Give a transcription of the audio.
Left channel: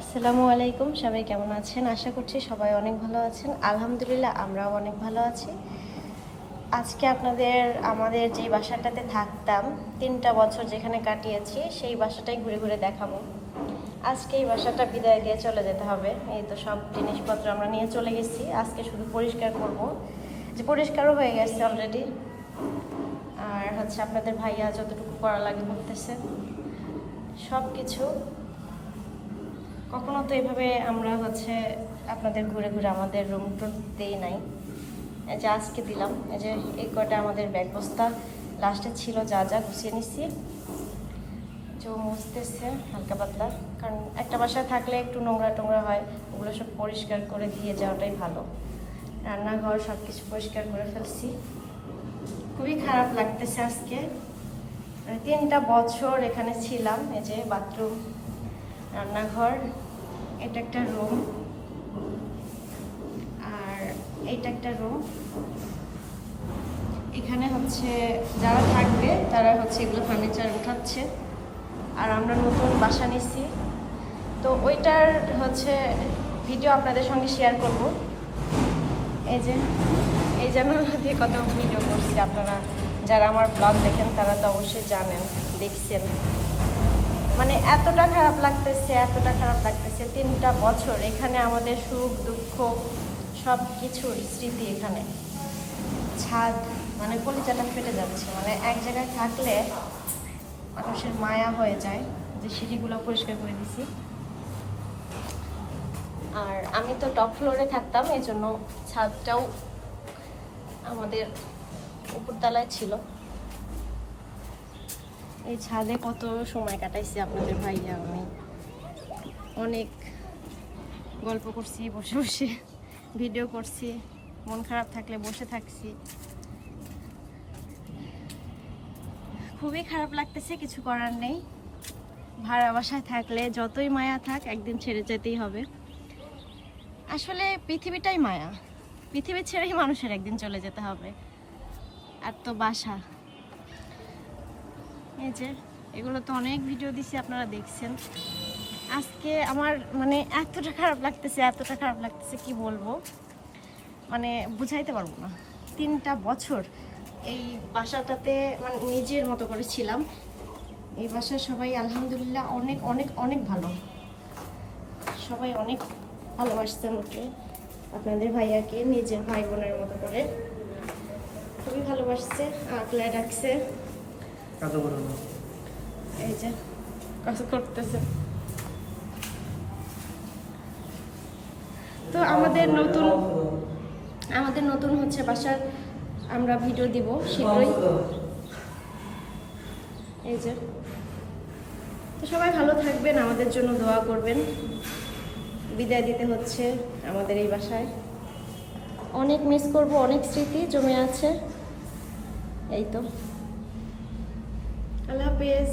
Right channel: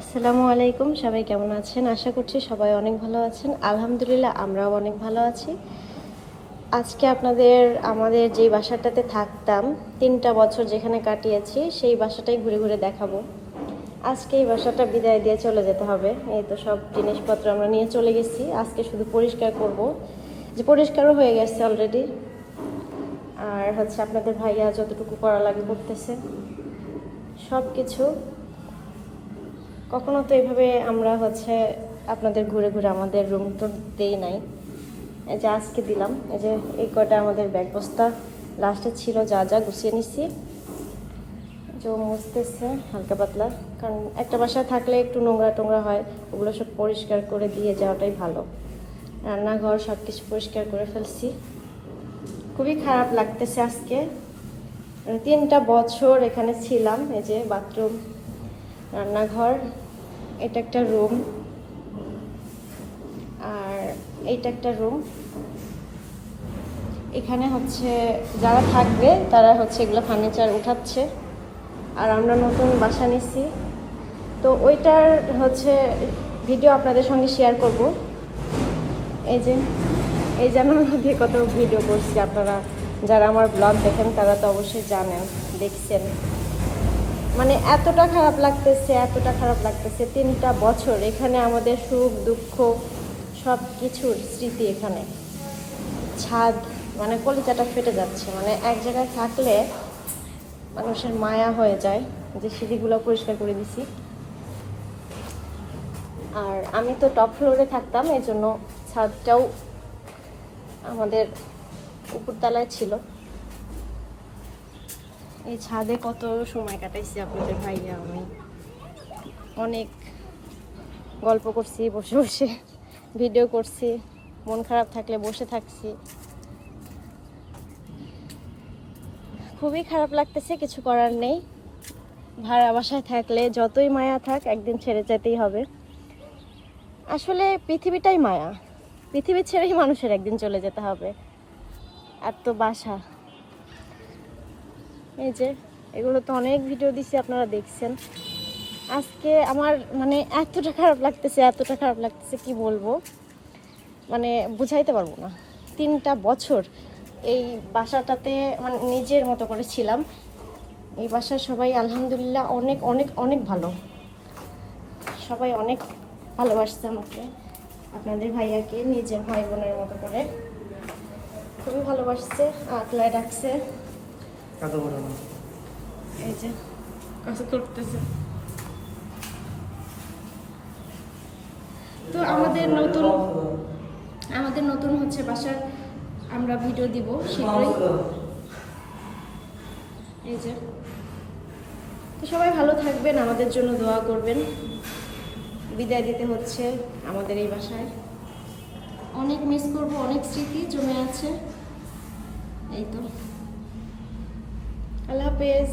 আসসালামু আলাইকুম, সবাই কেমন আছেন? আশা করছি সবাই অনেক ভালো আছেন। আলহামদুলিল্লাহ আমরাও অনেক ভালো আছি। আজকে আমাদের যে বাসাটাতে থাকতাম 3টা বছর যেখানে কাটিয়েছি সেই বাসাটাই ঘুরে ঘুরে দেখাবো। আজকে এই বাসাটা বিদায় দিয়ে চলে যেতে হবে। এই তো সব জিনিসপত্র আমরা নিয়ে চলে গেছি। আজকে শুধু পরিষ্কার করব, যে পরিষ্কারও হয়ে গেছে অলরেডি। আর হচ্ছে আপনাদের ভাইয়া যতটুকু করা লাগে করতেছে সব কিছু। কখনো তো এইভাবে আমরা আপনাদের ঘুরে ঘুরে আমাদের রুম টুর দিই নাই, এই যে আজকে দিলাম। এই যে এই কটা আমাদের ব্যাগ বস্তা লাস্টে ছিল, যা যা গুছিয়ে নিছি। জল মুছতেছে হালকা পাতলা, কারণ একটা বাসায় থাকলে একটু নোংরা টোংরা হয়, ওগুলো সব পরিষ্কার করে দিয়ে যাওয়াটাই ভালো। রান্নাঘর সব কিছু পরিষ্কার করে ফেলছি। খুবই খারাপ লাগতেছে আজকে। 3টা বছর এখানে ছিলাম। এই যে বাথরুম, রান্নাঘর, এটা একটা রুম, আর এইটা একটা রুম। এখানে যারা থাকবে তারা এগুলো ফার্নিচার উঠাচ্ছে। আর আমরা নতুন বাসা নিছি, তো ওইটার ভিডিও আপনাদের সঙ্গে শেয়ার করব। এই যে আমি কত ভিডিও করছি, আপনারা যারা আমার ব্লগ দেখেন তারা তো অবশ্যই জানেন, দেখছেন। মানে এতটা খারাপ লাগতেছে, 3টা বছর এখানে আমাদের সুখ দুঃখ সব কিছুর স্মৃতি। এখানে ছাদ মানে কলিজাটা ফেটে যাচ্ছে। মানে এক জায়গায় থাকলে মানুষের মায়া হয়ে যায়। যে সিঁড়িগুলো পরিষ্কার করে দিছি। আর আমি তো টপ ফ্লোরে থাকতাম, এই জন্য ছাদটাও আমাদের উপরতলায় ছিল। এই ছাদে কত সময় কাটাইছি আপনাদের ভাইয়া আমি। অনেক গল্প করছি, বসে বসে ভিডিও করছি, মন খারাপ থাকলে বসে থাকছি। খুবই খারাপ লাগতেছে, কিছু করার নেই। ভাড়া বাসায় থাকলে যতই মায়া থাক, একদিন ছেড়ে যেতেই হবে। আসলে পৃথিবীটাই মায়া, পৃথিবী ছেড়েই মানুষের একদিন চলে যেতে হবে। আর তো বাসা, এই যে এগুলো তো অনেক ভিডিও দিছি, আপনারা দেখছেন। আজকে আমার মানে এতটা খারাপ লাগতেছে কি বলবো, মানে বুঝাইতে পারবো না। 3টা বছর এই বাসাটাতে মানে নিজের মতো করে ছিলাম। এই বাসায় সবাই আলহামদুলিল্লাহ অনেক অনেক অনেক ভালো। সবাই অনেক ভালোবাসছে আমাকে, আপনাদের ভাইয়াকে নিজের ভাই বোনের মতো করে খুবই ভালোবাসছে, আগলায় রাখছে। এই যে কাজ করতেছে। তো আমাদের নতুন বাসার আমরা ভিডিও দিব শীঘ্রই। এই যে, তো সবাই ভালো থাকবেন, আমাদের জন্য দোয়া করবেন। বিদায় দিতে হচ্ছে আমাদের এই বাসায়। অনেক মিস করব, অনেক স্মৃতি জমে আছে। এই তো, আল্লাহ হাফেজ।